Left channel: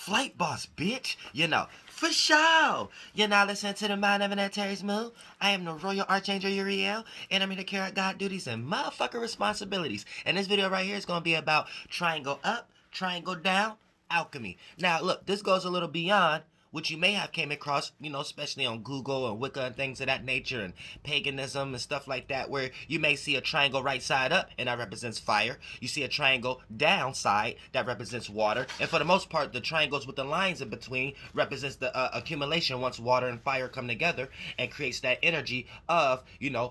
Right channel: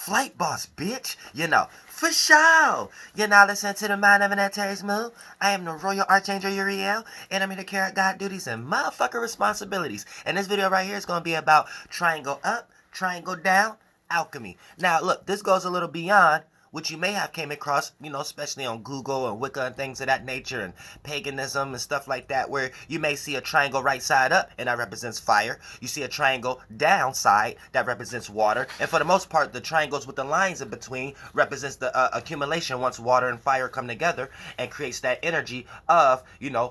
Flight boss, bitch. For sure. You're now listening to the Mind of an Antares Moon. I am the Royal Archangel Uriel, and I'm here to carry out God duties and motherfucker responsibilities. And this video right here is going to be about triangle up, triangle down, alchemy. Now, look, this goes a little beyond which you may have came across, especially on Google and Wicca and things of that nature and paganism and stuff like that, where you may see a triangle right side up and that represents fire. You see a triangle down side that represents water. And for the most part, the triangles with the lines in between represents the accumulation once water and fire come together and creates that energy of,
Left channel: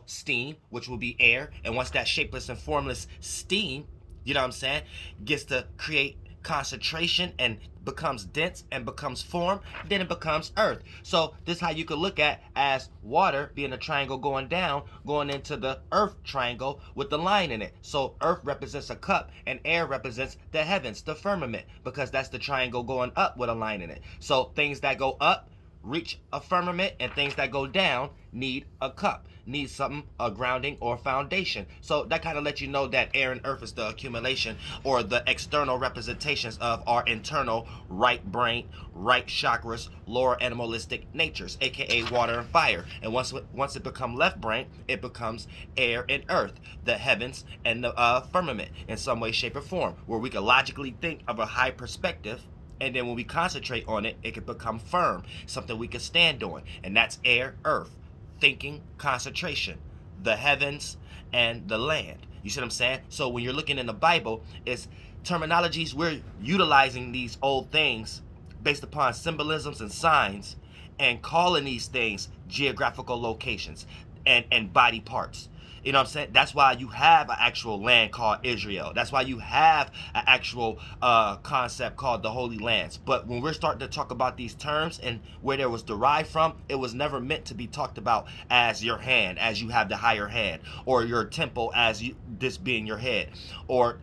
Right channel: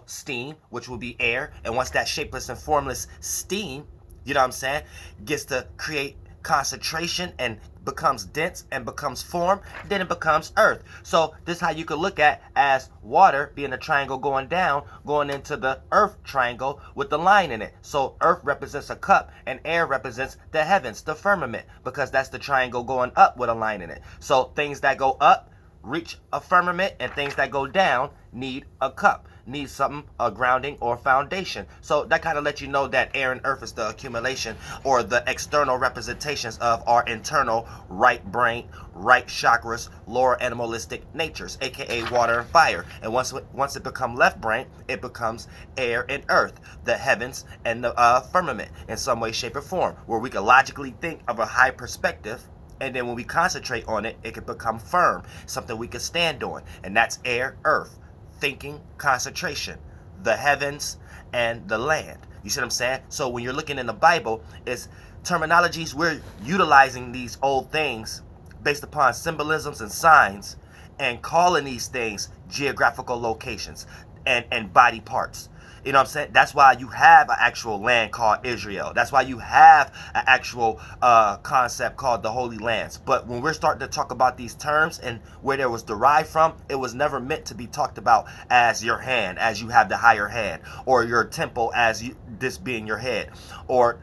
steam, which will be air. And once that shapeless and formless steam, gets to create concentration and becomes dense and becomes form, then it becomes earth. So this is how you could look at as water being a triangle going down, going into the earth triangle with the line in it. So earth represents a cup and air represents the heavens, the firmament, because that's the triangle going up with a line in it. So things that go up reach a firmament, and things that go down need a cup, need something, a grounding or foundation. So that kind of lets you know that air and earth is the accumulation or the external representations of our internal right brain, right chakras, lower animalistic natures, aka water and fire. And once it becomes left brain, it becomes air and earth, the heavens and the firmament in some way, shape, or form, where we can logically think of a high perspective. And then when we concentrate on it, it can become firm, something we can stand on. And that's air, earth, thinking, concentration, the heavens, and the land. You see what I'm saying? So when you're looking in the Bible, it's terminologies, we're utilizing these old things based upon symbolisms and signs and calling these things geographical locations and body parts. You know what I'm saying? That's why you have an actual land called Israel. That's why you have an actual concept called the Holy Lands. But when we're starting to talk about these terms and where they was derived from, it was never meant to be talked about as your hand, as you have the higher hand, or your temple as this being your head, or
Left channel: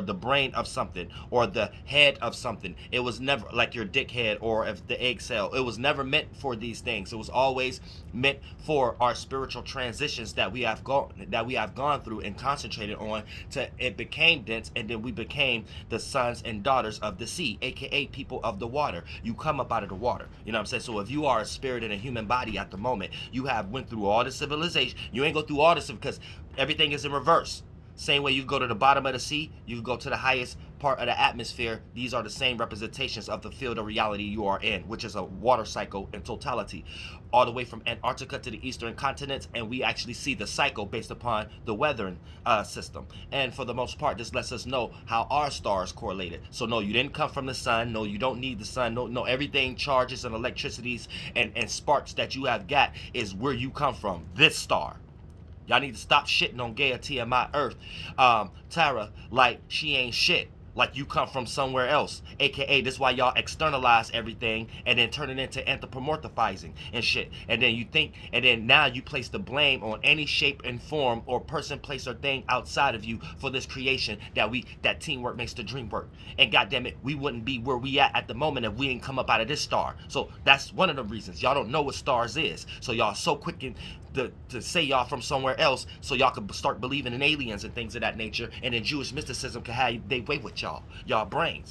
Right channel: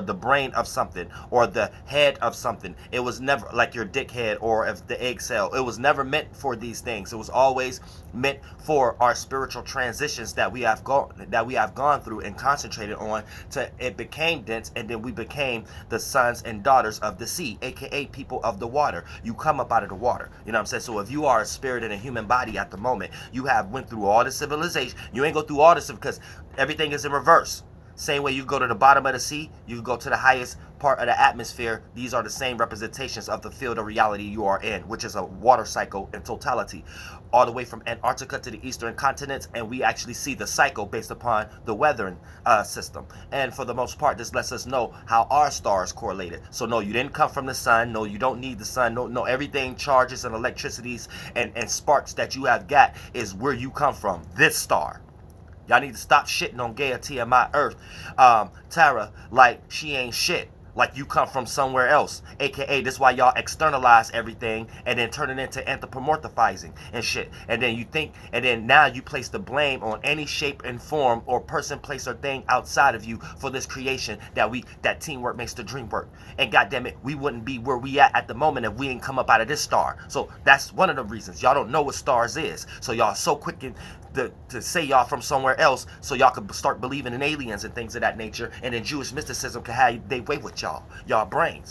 the brain of something, or the head of something. It was never like your dick head or if the egg cell. It was never meant for these things. It was always meant for our spiritual transitions that we have gone through and concentrated on, to it became dense, and then we became the sons and daughters of the sea, aka people of the water. You come up out of the water. You know what I'm saying? So if you are a spirit in a human body at the moment, you have went through all the civilization. You ain't go through all this because everything is in reverse. Same way you go to the bottom of the sea, you go to the highest part of the atmosphere. These are the same representations of the field of reality you are in, which is a water cycle in totality, all the way from Antarctica to the eastern continents. And we actually see the cycle based upon the weathering system. And for the most part, this lets us know how our stars correlated. So no, you didn't come from the sun. No, you don't need the sun. No, everything, charges and electricities and sparks that you have got is where you come from, this star. Y'all need to stop shitting on Gaia, Tiamat, Earth, Tara, like she ain't shit. Like you come from somewhere else. AKA, this is why y'all externalize everything and then turn it into anthropomorphizing and shit. And then you think, and then now you place the blame on any shape and form or person, place, or thing outside of you for this creation that teamwork makes the dream work. And goddamn it, we wouldn't be where we at the moment if we ain't come up out of this star. So that's one of the reasons. Y'all don't know what stars is. So y'all so quick to say y'all from somewhere else so y'all could start believing in aliens and things of that nature, and then Jewish mysticism can have they way with y'all brains.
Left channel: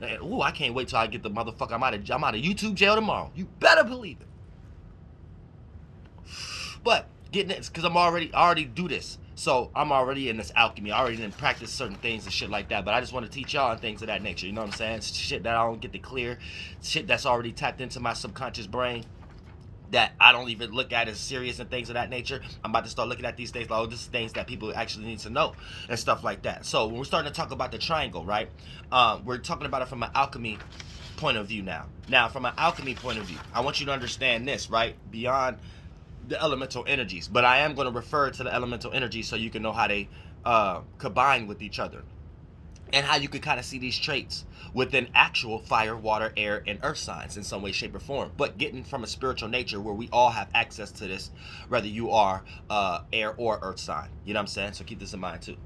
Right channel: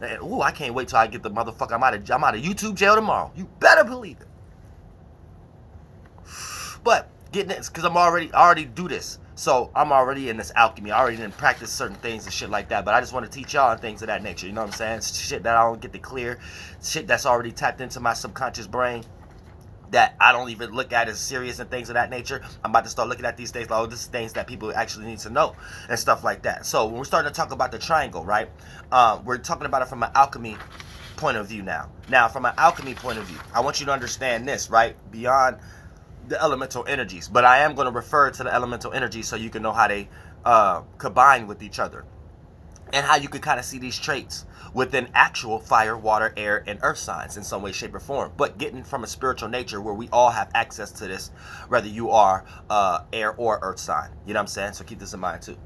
And, ooh, I can't wait till I get the motherfucker. I'm out of YouTube jail tomorrow. You better believe it. But getting this, because I already do this. So I'm already in this alchemy. I already didn't practice certain things and shit like that. But I just want to teach y'all and things of that nature. You know what I'm saying? It's shit that I don't get to clear. Shit that's already tapped into my subconscious brain that I don't even look at as serious and things of that nature. I'm about to start looking at these things like, oh, this is things that people actually need to know and stuff like that. So when we're starting to talk about the triangle, right? We're talking about it from an alchemy point of view now. Now, from an alchemy point of view, I want you to understand this, right? Beyond the elemental energies. But I am going to refer to the elemental energies so you can know how they combine with each other, and how you can kind of see these traits within actual fire, water, air, and earth signs in some way, shape, or form. But getting from a spiritual nature where we all have access to this, whether you are air or earth sign. You know what I'm saying? So keep this in mind too.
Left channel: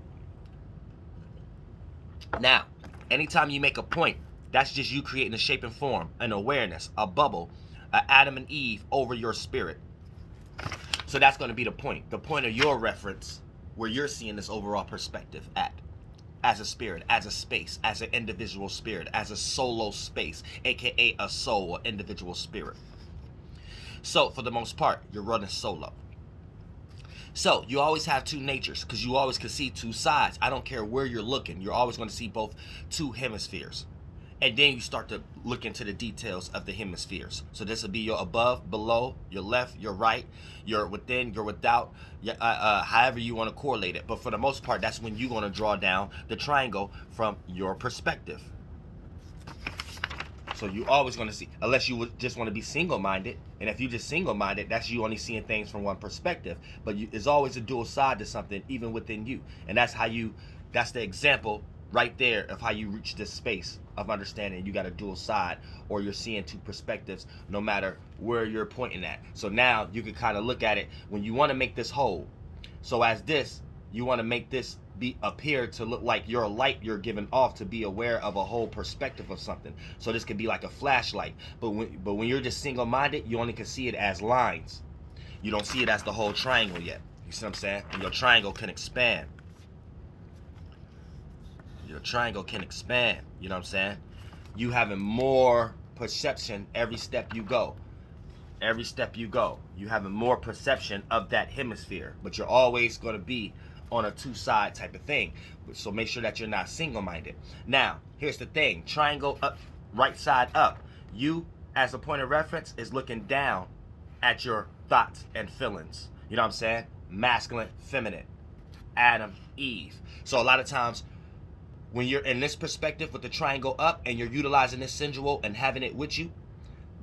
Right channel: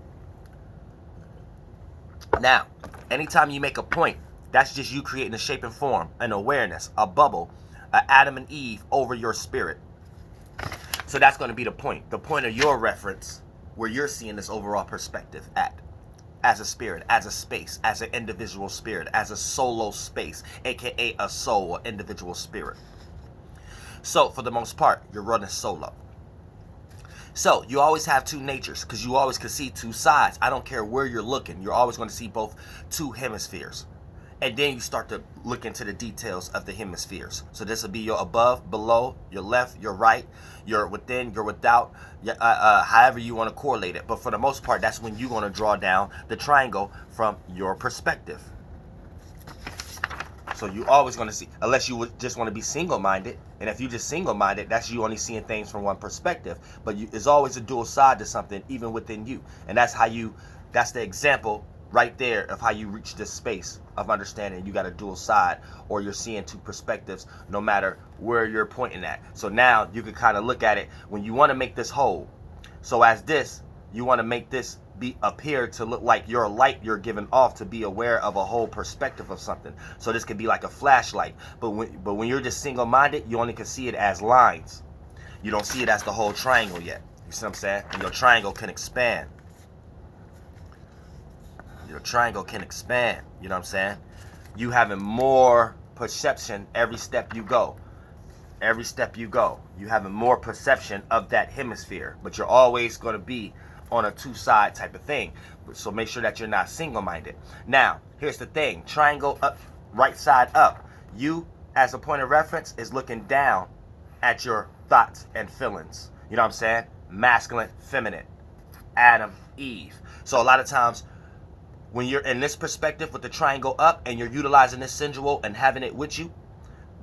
Now, anytime you make a point, that's just you creating a shape and form, an awareness, a bubble, an Adam and Eve over your spirit. So that's going to be the point of your reference, where you're seeing this overall perspective at. as a spirit, as a space, as an individual spirit, as a solo space, aka a soul, or individual spirit. So for the most part, you're running solo. So you always have two natures because you always can see two sides. I don't care where you're looking. You're always going to see both two hemispheres. And then you start to look into the details of the hemispheres. So this will be your above, below, your left, your right, your within, your without, however you want to correlate it. But for the most part, that's when you're going to draw down the triangle from your perspective. So you always going to see, unless you would just want to be single-minded. And if you just single-minded, that's you only seeing things from one perspective. But there's always a dual side to something, even within you. And that's that's the example right there of how you reach this space of understanding. You got a dual side, or you're seeing two perspectives, no matter where you're pointing at. So now you can kind of look at it when you want to make this whole. So as this, you want to make this appear to look like your light you're giving off, to be aware of a whole perspective of something. So this could be like a flashlight, but when you're just single-minded, you only can see it as lines. You don't see it as the whole triangle yet. You see what I'm saying? And your triangle can expand. Your triangle can expand. You know what I'm saying? You having more perception every step you go. Every step you go, you having more perception of that hemisphere, but you're always going to be on a two-side type of thing. So make sure that you're not single-minded. Now, here's the thing. Triangle up, right side up. You, as a point of reference, is looking down at your thoughts and feelings. You know what I'm saying? Masculine, feminine. Adam, Eve. So a lot of times, when you're in this perspective with the triangle up and you're utilizing this sensual and having it with you,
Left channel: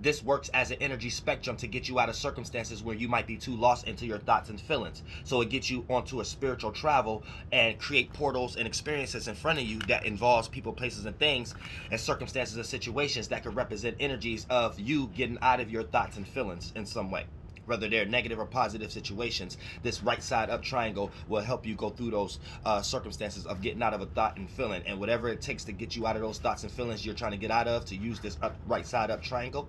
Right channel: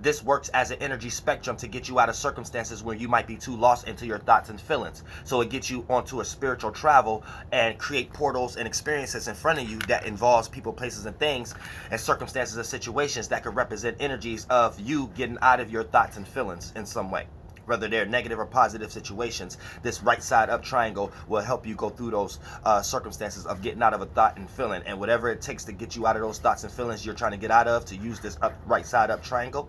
this works as an energy spectrum to get you out of circumstances where you might be too lost into your thoughts and feelings. So it gets you onto a spiritual travel and create portals and experiences in front of you that involves people, places, and things, and circumstances and situations that could represent energies of you getting out of your thoughts and feelings in some way. Whether they're negative or positive situations, this right side up triangle will help you go through those circumstances of getting out of a thought and feeling. And whatever it takes to get you out of those thoughts and feelings you're trying to get out of, to use this right side up triangle,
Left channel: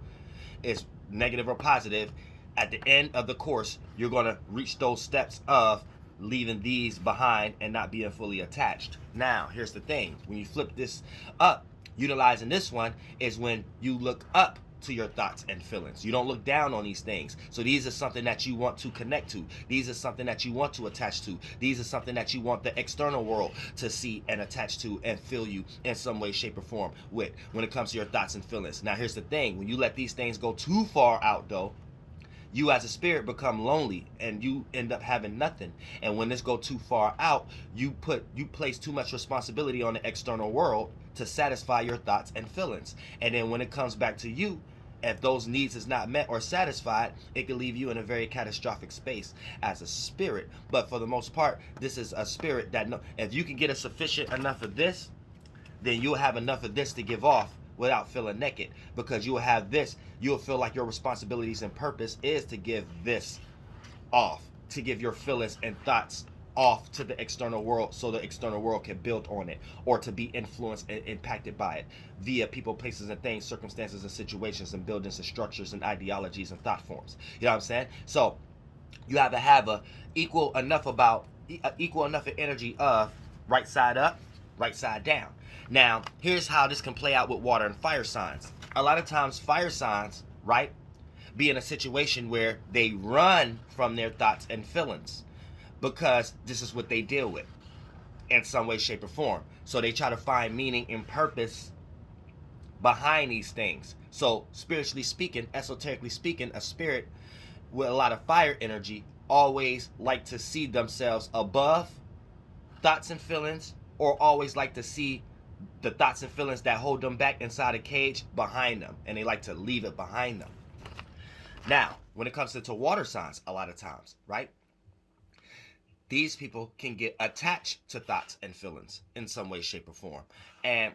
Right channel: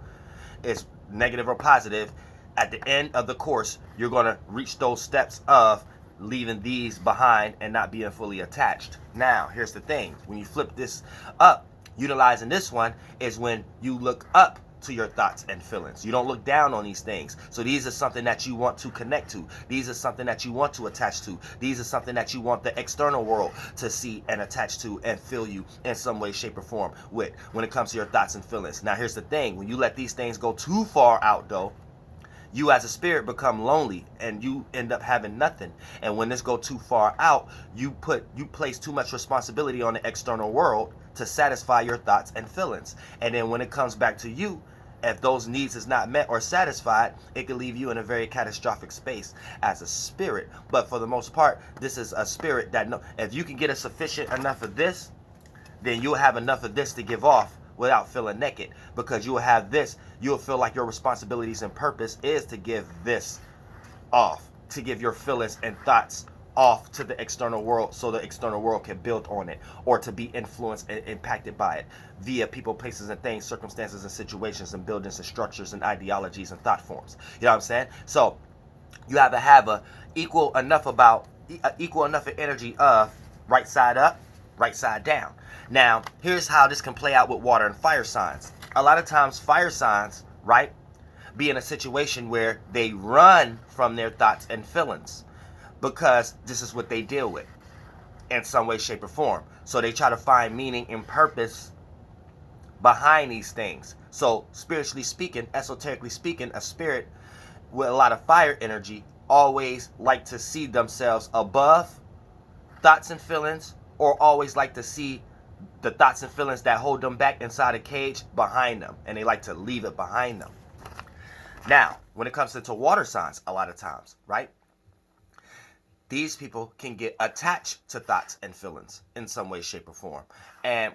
is negative or positive. At the end of the course, you're going to reach those steps of leaving these behind and not being fully attached. Now, here's the thing. When you flip this up, utilizing this one is when you look up to your thoughts and feelings. You don't look down on these things. So these are something that you want to connect to. These are something that you want to attach to. These are something that you want the external world to see and attach to and feel you in some way, shape, or form with when it comes to your thoughts and feelings. Now, here's the thing. When you let these things go too far out, though, you as a spirit become lonely and you end up having nothing. And when this go too far out, you place too much responsibility on the external world to satisfy your thoughts and feelings. And then when it comes back to you, if those needs is not met or satisfied, it could leave you in a very catastrophic space as a spirit. But for the most part, this is a spirit that if you can get a sufficient enough of this, then you'll have enough of this to give off without feeling naked, because you'll have this. You'll feel like your responsibilities and purpose is to give this off, to give your feelings and thoughts off to the external world, so the external world can build on it, or to be influenced and impacted by it via people, places, and things, circumstances, and situations, and buildings, and structures, and ideologies, and thought forms. You know what I'm saying? So you have to have a equal enough of energy of right side up, right side down. Now, here's how this can play out with water and fire signs. A lot of times, fire signs, right, be in a situation where they run from their thoughts and feelings, because this is what they deal with in some way, shape, or form. So they try to find meaning and purpose behind these things. So spiritually speaking, esoterically speaking, a spirit with a lot of fire energy always like to see themselves above thoughts and feelings, or always like to see the thoughts and feelings that hold them back inside a cage behind them, and they like to leave it behind them. Now, when it comes to water signs, a lot of times, right, these people can get attached to thoughts and feelings in some way, shape, or form, and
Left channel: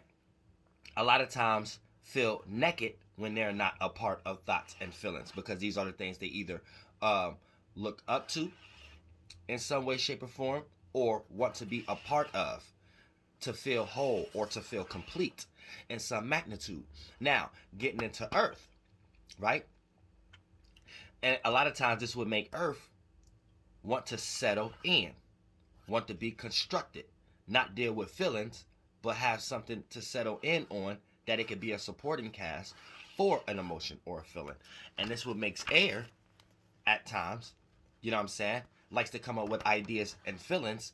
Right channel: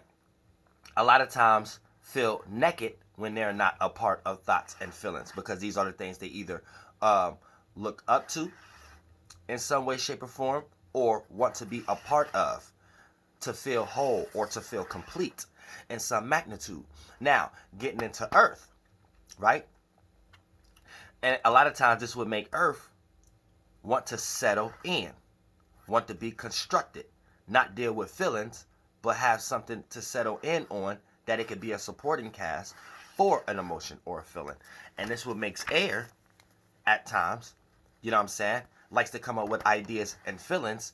a lot of times feel naked when they're not a part of thoughts and feelings, because these are the things they either look up to in some way, shape, or form, or want to be a part of, to feel whole or to feel complete in some magnitude. Now, getting into earth, right? And a lot of times this would make earth want to settle in, want to be constructed, not deal with feelings, but have something to settle in on, that it could be a supporting cast for an emotion or a feeling. And this what makes air at times, you know what I'm saying, likes to come up with ideas and feelings,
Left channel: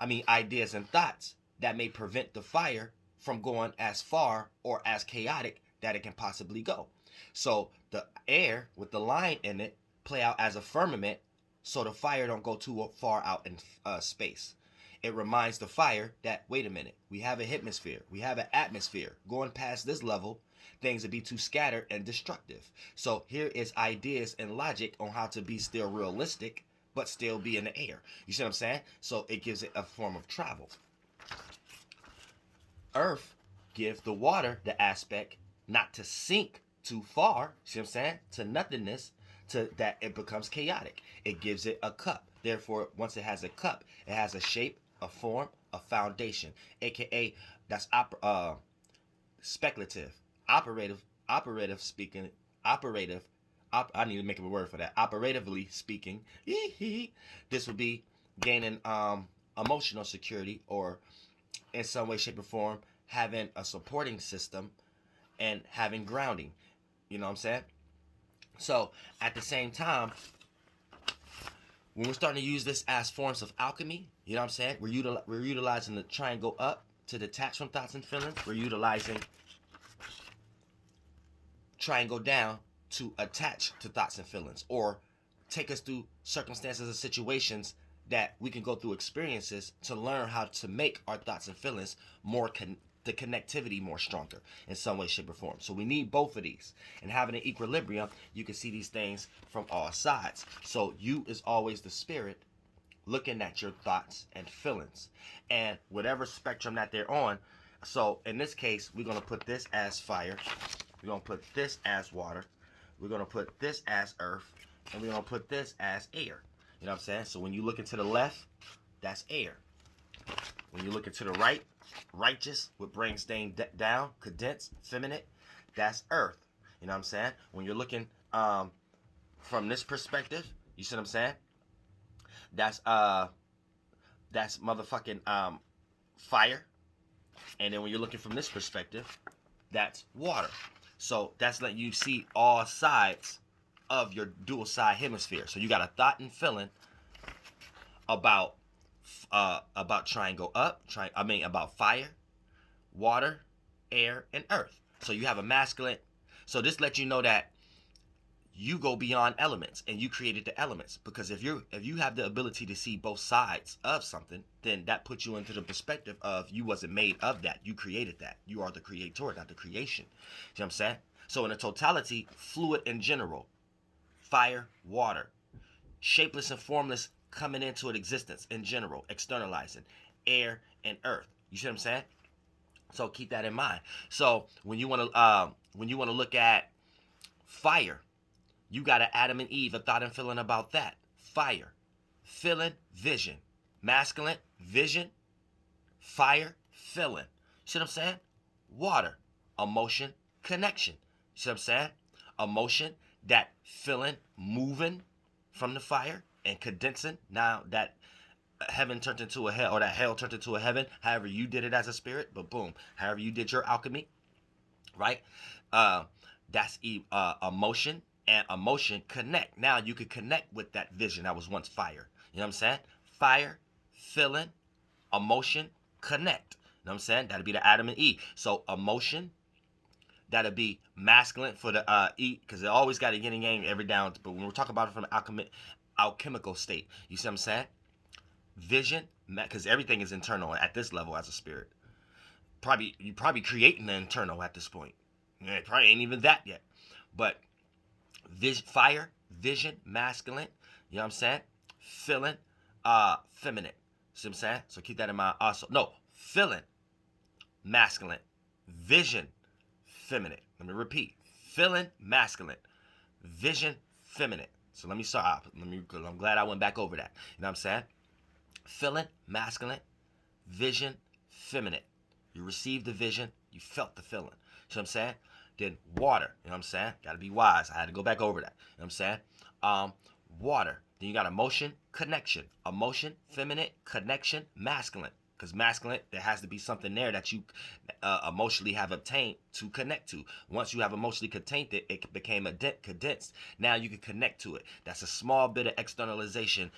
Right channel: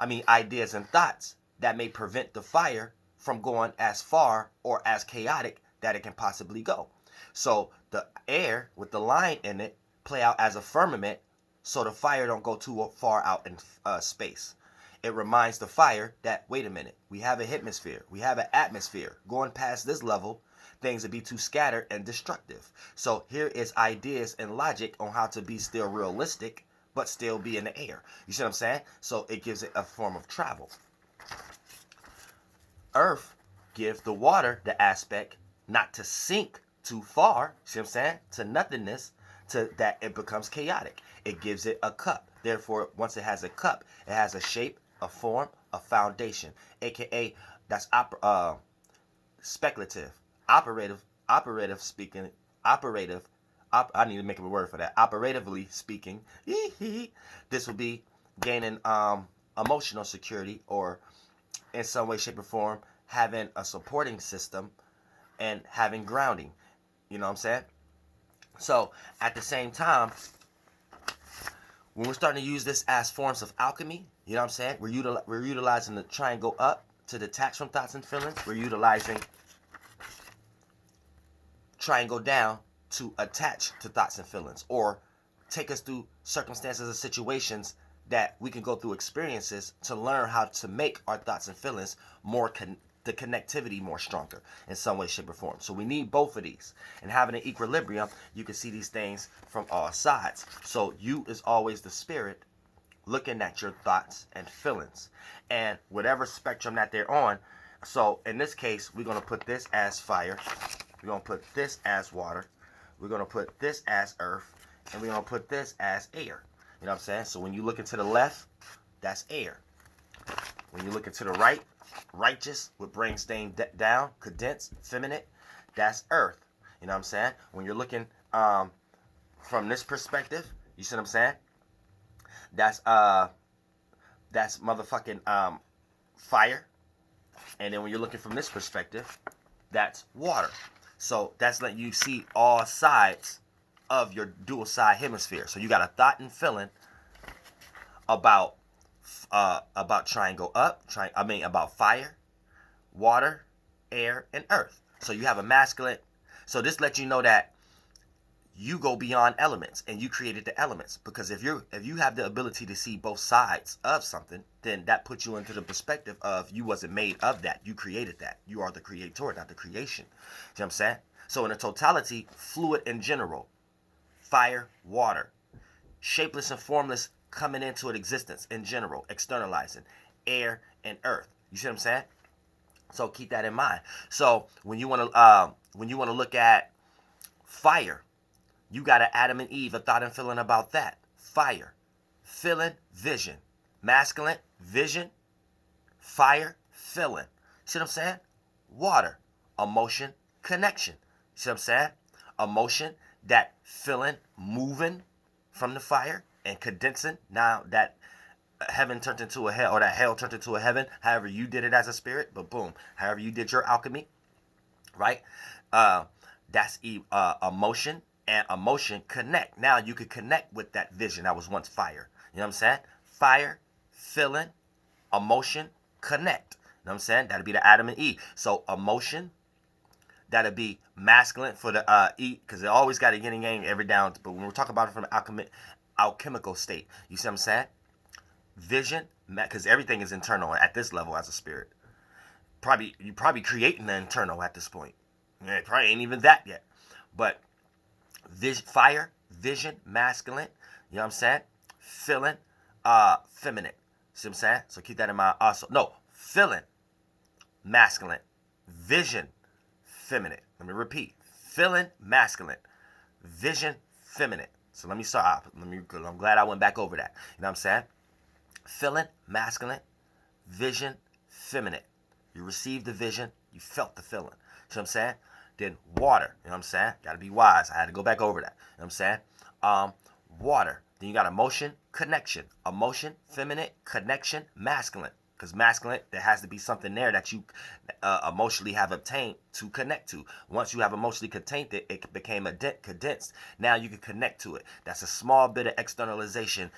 ideas and thoughts that may prevent the fire from going as far or as chaotic that it can possibly go. So the air with the line in it play out as a firmament, so the fire don't go too far out in space. It reminds the fire that, wait a minute, we have a hemisphere, we have an atmosphere. Going past this level, things would be too scattered and destructive. So here is ideas and logic on how to be still realistic, but still be in the air. You see what I'm saying? So it gives it a form of travel. Earth gives the water the aspect not to sink too far, see what I'm saying, to nothingness, to that it becomes chaotic. It gives it a cup. Therefore, once it has a cup, it has a shape, a form, a foundation, aka that's speculative, operative speaking, I need to make up a word for that. Operatively speaking, this would be gaining emotional security, or in some way, shape, or form having a supporting system and having grounding. You know what I'm saying? So at the same time, when we're starting to use this as forms of alchemy, you know what I'm saying? We're utilizing the try and go up to detach from thoughts and feelings. We're utilizing try and go down to attach to thoughts and feelings, or take us through circumstances and situations that we can go through experiences to learn how to make our thoughts and feelings more the connectivity more stronger in some way, shape, or form. So we need both of these. And having an equilibrium, you can see these things from all sides. So you is always the spirit looking at your thoughts and feelings, and whatever spectrum that they're on. So in this case, we're going to put this as fire. We're going to put this as water. We're going to put this as earth. And we're going to put this as air. You know what I'm saying? So when you look into the left, that's air. When you look into the right, righteous, with brain staying down, condensed, feminine, that's earth. You know what I'm saying? When you're looking from this perspective, you see what I'm saying? That's motherfucking fire. And then when you're looking from this perspective, that's water. So that's letting you see all sides of your dual side hemisphere. So you got a thought and feeling about triangle up, about fire, water, air, and earth. So you have a masculine. So this lets you know that you go beyond elements, and you created the elements. Because if you have the ability to see both sides of something, then that puts you into the perspective of you wasn't made of that. You created that. You are the creator, not the creation. You know what I'm saying? So in a totality, fluid in general, fire, water, shapeless and formless coming into existence in general, externalizing, air and earth. You see what I'm saying? So keep that in mind. So when you want to look at fire, you got an Adam and Eve, a thought and feeling about that. Fire, feeling, vision. Masculine, vision, fire, feeling. See what I'm saying? Water, emotion, connection. See what I'm saying? Emotion, that feeling, moving from the fire and condensing. Now that heaven turned into a hell, or that hell turned into a heaven, however you did it as a spirit, but boom, however you did your alchemy, right? That's emotion. And emotion connect. Now you can connect with that vision that was once fire. You know what I'm saying? Fire, feeling, emotion, connect. You know what I'm saying? That'll be the Adam and Eve. So emotion, that'll be masculine for the E, because it always got a yin and yang every down. But when we're talking about it from an alchemical state, you see what I'm saying? Vision, because everything is internal at this level as a spirit. You probably creating the internal at this point. Yeah, it probably ain't even that yet. But fire, vision, masculine, you know what I'm saying? Feeling, feminine. See what I'm saying? So keep that in mind also. No, feeling, masculine. Vision, feminine. Let me repeat. Feeling, masculine. Vision, feminine. So let me start. I'm glad I went back over that. You know what I'm saying? Feeling, masculine. Vision, feminine. You received the vision. You felt the feeling. See what I'm saying? Then water, you know what I'm saying? Got to be wise. I had to go back over that. You know what I'm saying? Water. Then you got emotion, connection. Emotion, feminine, connection, masculine. Because masculine, there has to be something there that you emotionally have obtained to connect to. Once you have emotionally contained it, it became condensed. Now you can connect to it. That's a small bit of externalization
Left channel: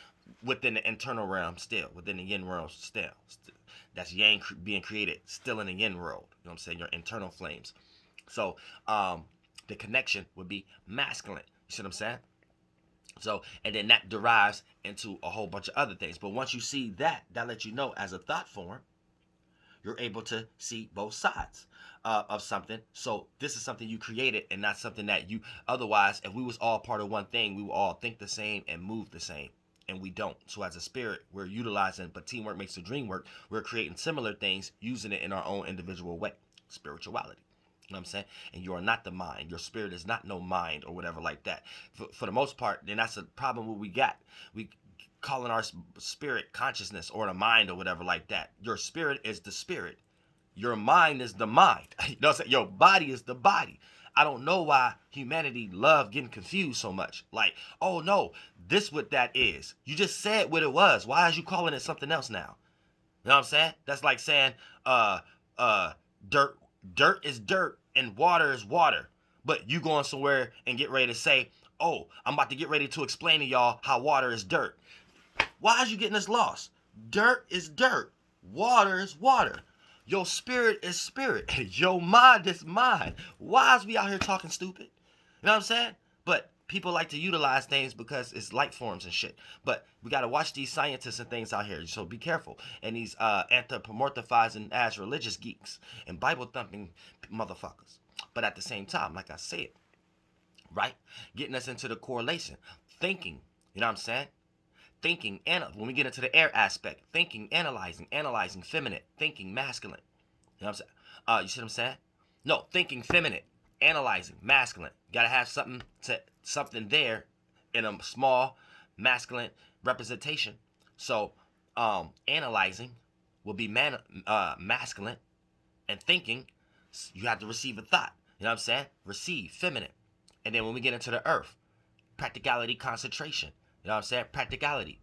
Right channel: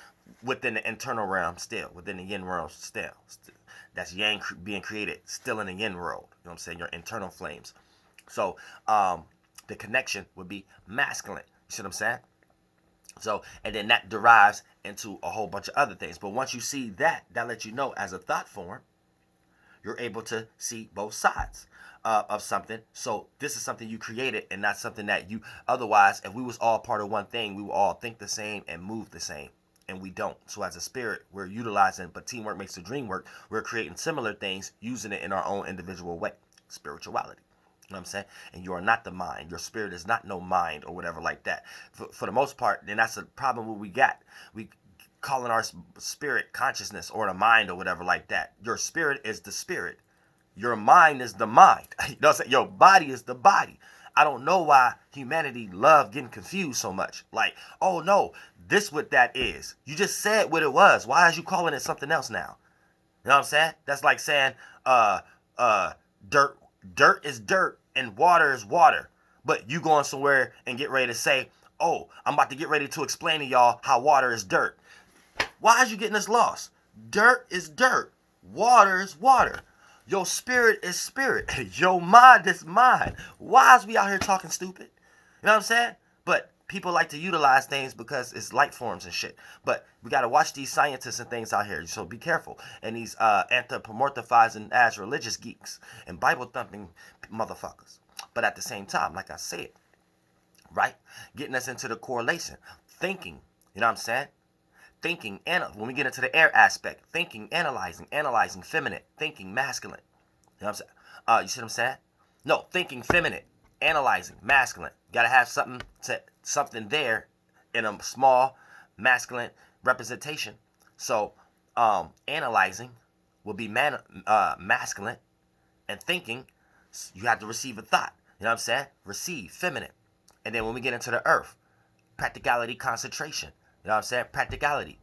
within the internal realm still, within the yin realm still. That's yang being created still in the yin world. You know what I'm saying? Your internal flames. So the connection would be masculine. You see what I'm saying? So, and then that derives into a whole bunch of other things. But once you see that, that lets you know as a thought form, you're able to see both sides of something. So this is something you created and not something that you, otherwise, if we was all part of one thing, we would all think the same and move the same. And we don't. So as a spirit, we're utilizing, but teamwork makes the dream work. We're creating similar things, using it in our own individual way. Spirituality. You know what I'm saying? And you are not the mind. Your spirit is not no mind or whatever like that. For the most part, then that's a problem what we got. We calling our spirit consciousness or the mind or whatever like that. Your spirit is the spirit. Your mind is the mind. You know what I'm saying? Your body is the body. I don't know why humanity love getting confused so much. Like, oh no, this what that is. You just said what it was. Why is you calling it something else now? You know what I'm saying? That's like saying dirt is dirt and water is water. But you going somewhere and get ready to say, oh, I'm about to get ready to explain to y'all how water is dirt. Why is you getting this lost? Dirt is dirt. Water is water. Your spirit is spirit. Your mind is mind. Why is we out here talking stupid? You know what I'm saying? But people like to utilize things because it's light forms and shit. But we got to watch these scientists and things out here. So be careful. And these anthropomorphizing as religious geeks and Bible thumping motherfuckers. But at the same time, like I said, right? Getting us into the correlation. Thinking. You know what I'm saying? Thinking, and when we get into the air aspect, thinking, analyzing, feminine, thinking, masculine. You know what I'm saying? You see what I'm saying? No, thinking, feminine, analyzing, masculine. Gotta have something there in a small masculine representation. So, analyzing will be masculine, and thinking, you have to receive a thought. You know what I'm saying? Receive, feminine. And then when we get into the earth, practicality, concentration. You know what I'm saying? Practicality,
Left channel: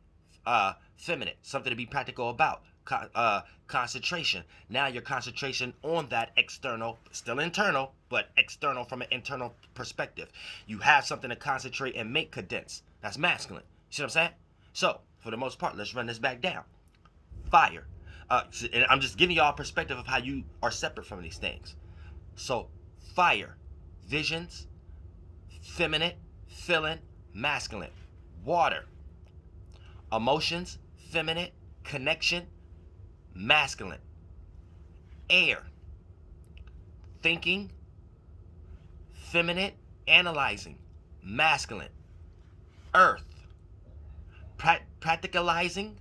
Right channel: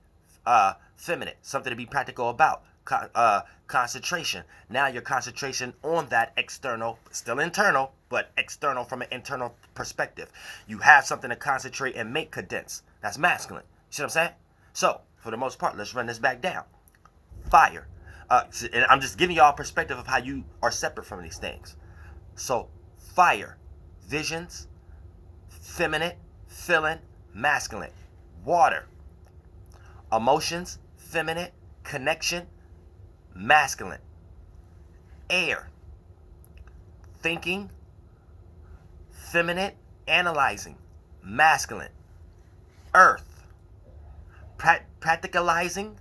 feminine, something to be practical about. Concentration. Now your concentration on that external, still internal, but external from an internal perspective. You have something to concentrate and make condense. That's masculine. You see what I'm saying? So, for the most part, let's run this back down. Fire. And I'm just giving y'all a perspective of how you are separate from these things. So, fire, visions, feminine, feeling, masculine. Water, emotions, feminine, connection, masculine. Air, thinking, feminine, analyzing, masculine. Earth, practicalizing,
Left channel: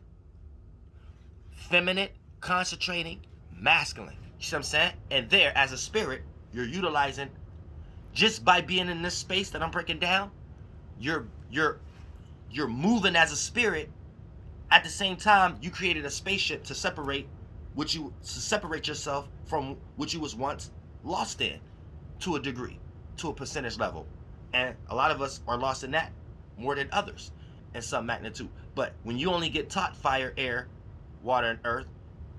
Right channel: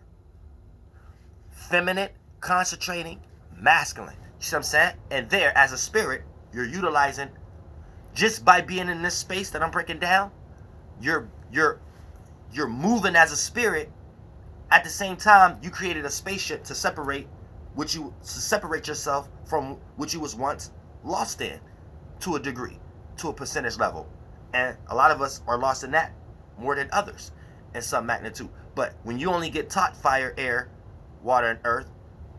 feminine, concentrating, masculine. You see what I'm saying? And there, as a spirit, you're utilizing, just by being in this space that I'm breaking down, you're moving as a spirit. At the same time, you created a spaceship to separate yourself from what you was once lost in, to a degree, to a percentage level. And a lot of us are lost in that more than others in some magnitude. But when you only get taught fire, air, water, and earth,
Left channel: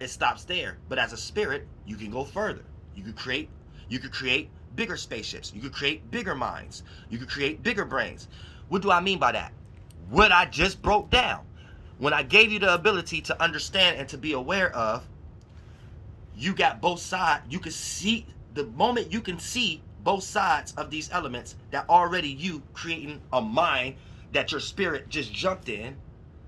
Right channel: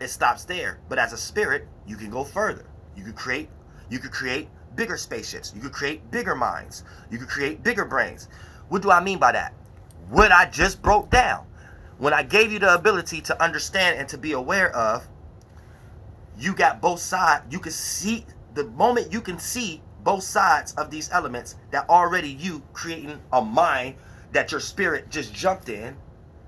it stops there. But as a spirit, you can go further. You could create bigger spaceships. You could create bigger minds. You could create bigger brains. What do I mean by that? What I just broke down. When I gave you the ability to understand and to be aware of, you got both sides. You can see, the moment you can see both sides of these elements, that already you creating a mind that your spirit just jumped in,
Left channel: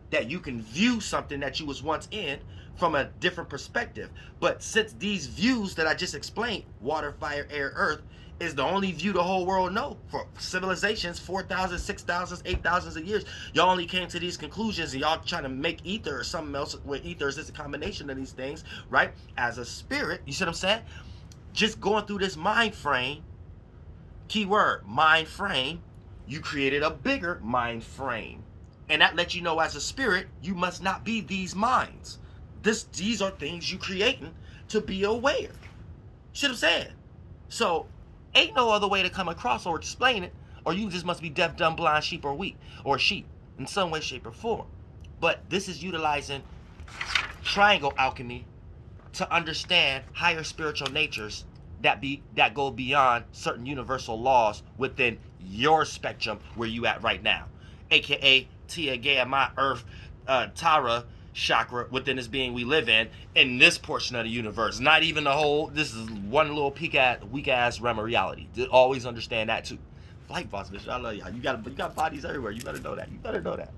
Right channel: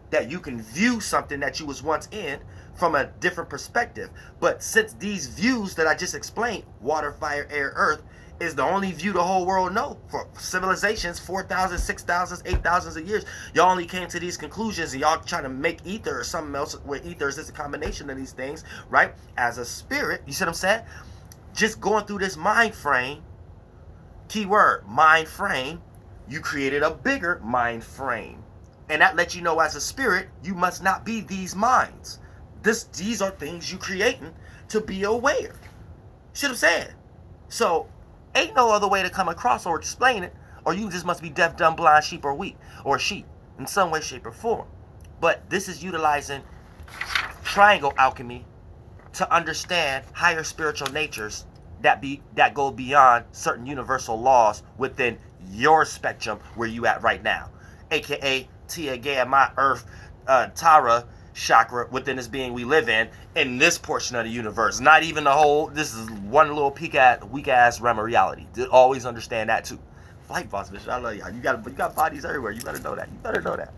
that you can view something that you was once in from a different perspective. But since these views that I just explained, water, fire, air, earth, is the only view the whole world know for civilizations, 4,000, 6,000, 8,000 of years, y'all only came to these conclusions, and y'all trying to make ether or something else, where ether is just a combination of these things, right? As a spirit, you see what I'm saying? Just going through this mind frame, keyword, mind frame, you created a bigger mind frame. And that lets you know, as a spirit, you must not be these minds. These are things you creating to be aware. You see what I'm saying? So, ain't no other way to come across or explain it, or you just must be deaf, dumb, blind, sheep, or weak, or sheep, in some way, shape, or form. But this is utilizing triangle alchemy to understand higher spiritual natures that go beyond certain universal laws within your spectrum where you at right now, aka Tia Gaia, my Earth, Tara chakra within this being we live in this portion of the universe. Not even the whole. This is one little weak ass realm of reality. Always understand that too. Flight boss, bitch. I love y'all. You got bodies everywhere. You better know that. You better know that.